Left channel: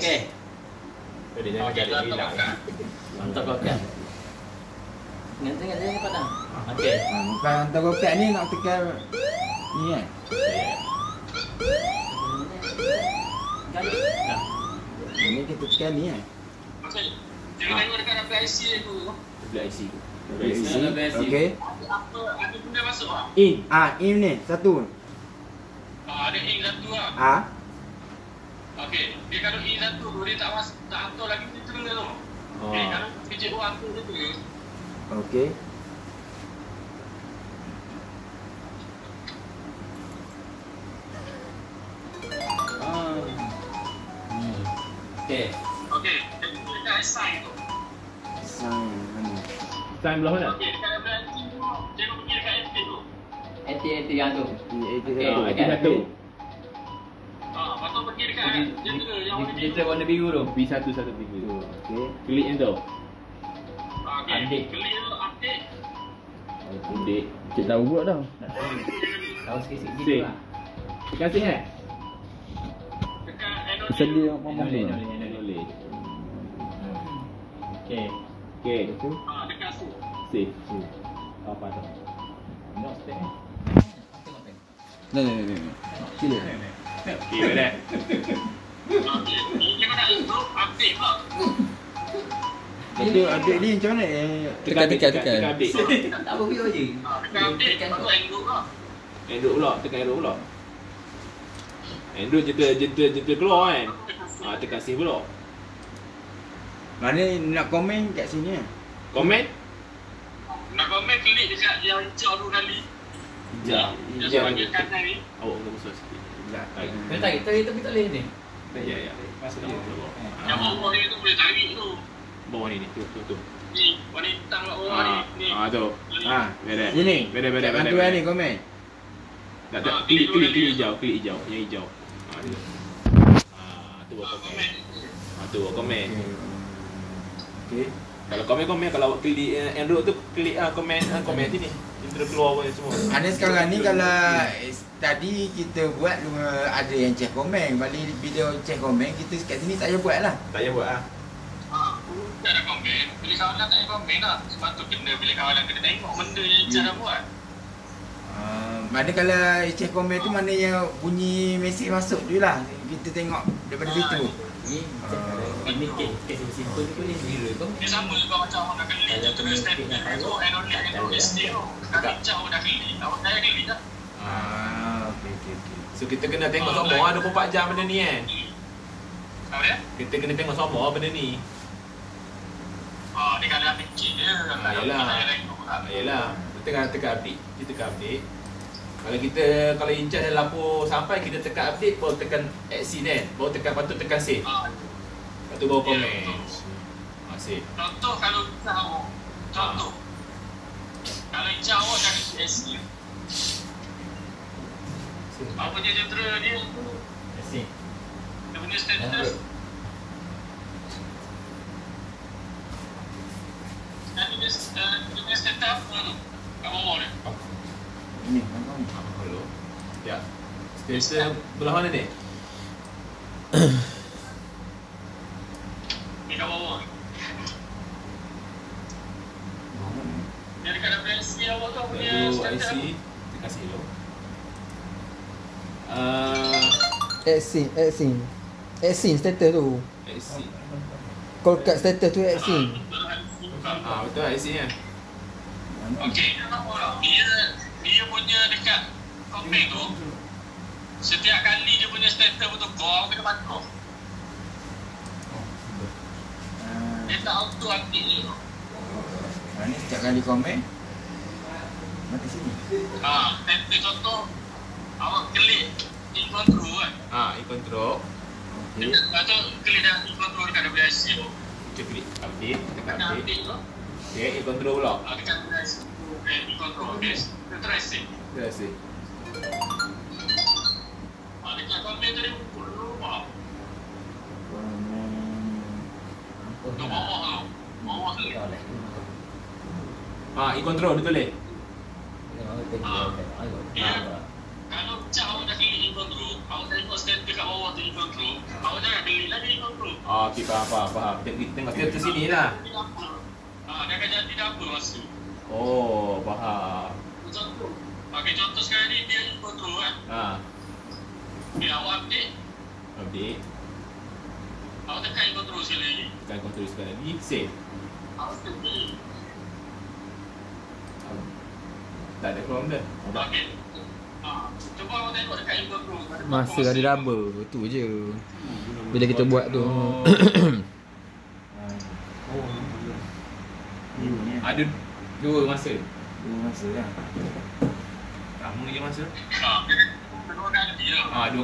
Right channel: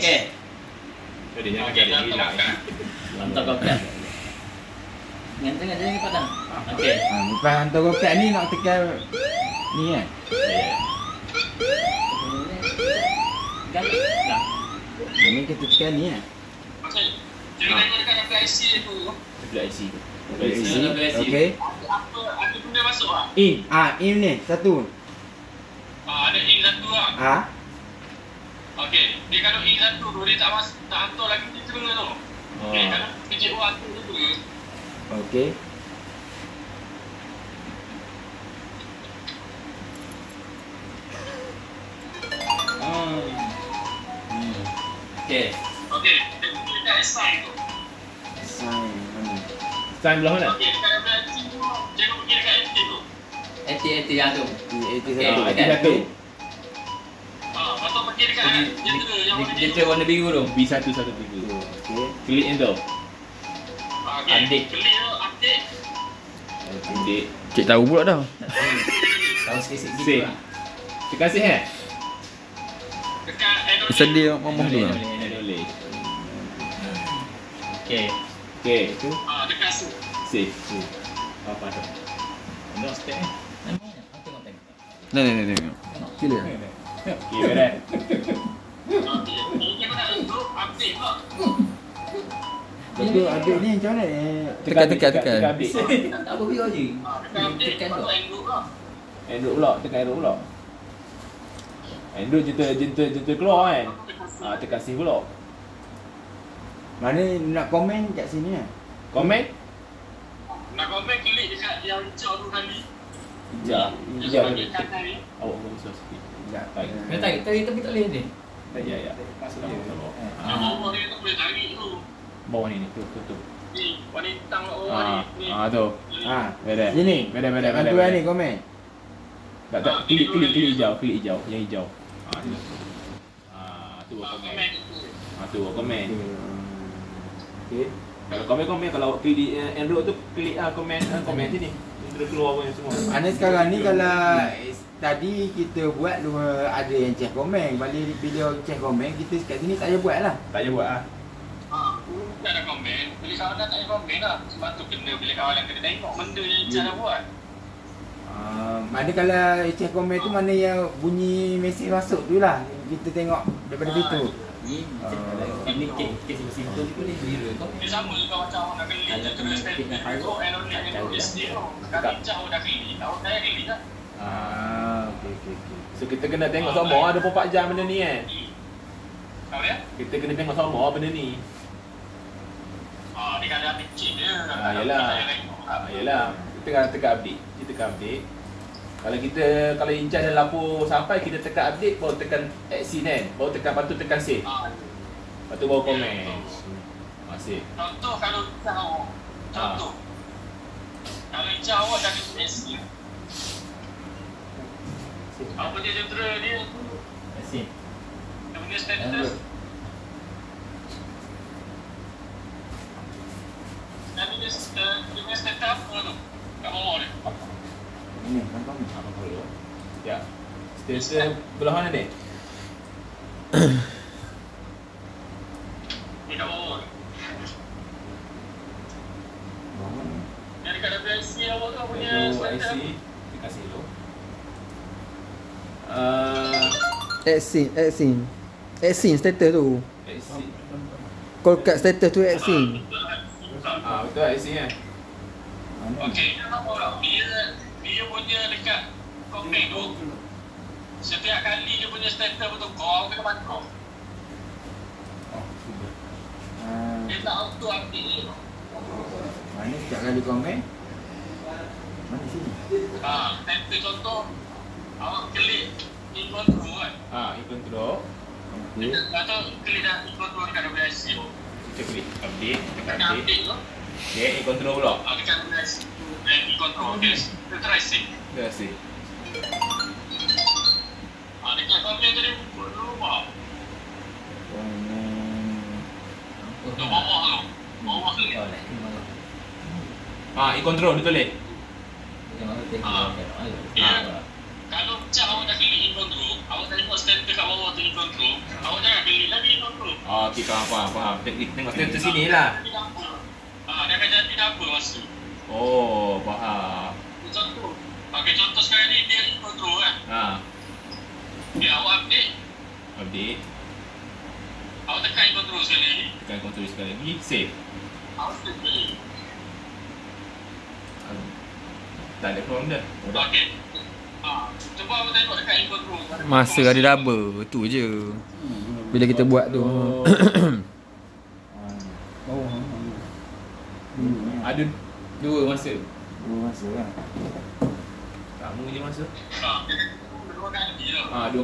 Okey. Dia jangan cari hilang. Hantar kau kan. Tengah dia ni padang. Okey. Lepas hantar roket ni nak tekan ni kan? Kan. Dah. Ini kita tekan ni kan? Okey. Dia tengok dekat IC tu. Belah IC tu. Okey. Ada benda masuk ah. In. In ni satu. Ada in satu ah. Okey. Dia kalau in satu tu dia tak hantar lagi kita tu. Okey, kalau PJO hantar tu. Okey. Okey. Okey. Dia dekat assign tu. Sign mana? Sign belah mana? Okey, dekat belah IC tu. Jangan pergi dekat FT tu. Anti yang tu. Itu Okey, satu. okey. Satu. Lepas tu pergi dekat jendela yang warna biru. Dia warna biru tu. B1 satu tiga. Okey. Klik ni tu. Okey. Adik. Beli tu update. Adik. Cik tahu pula dah. Tahu sikit-sikit Save. gitu lah. Tekan save eh? Dekat Adobe. Sedia ngomong Boleh, dulu. boleh. Boleh. Okey. Okey. Itu. Dekat tu. Save. Apa tu? Nak step ni. Tengok. Tengok. Sila. Okey, beres. Okey. Ini kena untuk update pula. Tapi adik ni macam mana? Tekan. update. Tak apa video je. Dekat update Tekan lepas tu tu. Android lah. Android pula, tekan Android pula. Android jenta keluar kan. Tekan save pula. Mana nak komen kat sini kan? Komen? Nak komen klik dekat yang hijau tu kali. Sekejap. Dia panggil kanan ni. Awak kena besar sikit. Tak. Baik. Dia tarik tapi tak boleh ni. Ya. Masuk dalam bawah. Yang bawah ni tu boleh tarik tu. Bawah ni. Tu. Ni, warna hitam kat bawah ni. Ni. Tu. Beres. Sini. Beres. Bantu kan ni komen. Tak, klik hijau, yang hijau. Tu buat komen. Tu buat komen. Okey. Kalau komen, kalau klik Android tu klik komen sini. Intro keluar pun semua. Ana sekarang ni kalau tadi kita buat ada yang check komen. Balik bila check komen kita kat sini tak payah buat lah. Tak payah buat ah. Tak ada komen. Bila kawalan tak ada komen lah. Sebab tu kena bila kawalan kena tengok benda yang cara buat. Mana kalau check komen tu mana yang bunyi mesej masuk tu lah. Kita tengok daripada situ. Ini kes simple ni boleh viral kau. Dia sama juga macam orang dah klik je terus statement tu and only akan tulis dia tu. Dah hijau dah klik. Awak saya klik lah. Okey. So kita kena tengok sama 24 jam benda ni kan. Apa dia? Kita kena tengok sama benda ni. Dia kan dah kecil je. Yelah. Kita tekan update. Kalau kalau Incan dah lapor sampai, kita tekan update, baru tekan action kan. Baru tekan, lepas tu tekan save. Lepas tu baru komen. Save. Contoh kalau hijau. Kalau hijau awak dah kena action. Apa dia jentera dia? Asyik. Dia punya status. Dia punya status apa tu? Kat bawah dia. Ini nampak ni. Apa dulu? Ya. Status belah mana ni? Ni kat bawah ni. Dia dekat WIC awak tu punya status. IC. Terima kasih dulu. Exit status tu. IC. Kau kat status tu exit. Betul IC kan? Okey, dia punya dekat komen tu. Setiap kali dia punya status betul kau kena pantau. Dia tak auto update je tu. Ni setiap kali komen. Mati sini. Status contoh awak klik in control kan. In control. Okey. Lepas tu klik dah in control dekat WIC tu. Kita klik update, tekan Dekat update. update tu. Okay, in control pula. Dekat WIC tu in control. Okay. Kita try save. Terima kasih. Dekat komen tadi pukul dulu apa? Tu bawah tu. Bawah tu. In control dia tulis. Kalau macam awak dah klik in control, awak tengok status kat bawah tu in control, awak jangan klik lagi in control. Okey, faham. Tengok status sini lah. Dia akan jadi double masa. Oh, faham. Contoh. Okay, contoh sekarang ni dia ikut tu kan. Okay, awak update. Awak tekan ikut terus sekali lagi. Tekan control sekali lagi. Save. Awak stay. Tak ada problem dia. Okay. Cuba awak tengok dekat input terus. Masa ada double. Tu je. Bila kita buat tu. Ada dua masa. Masa lah. Sama je masa. Kedua kali je. Dua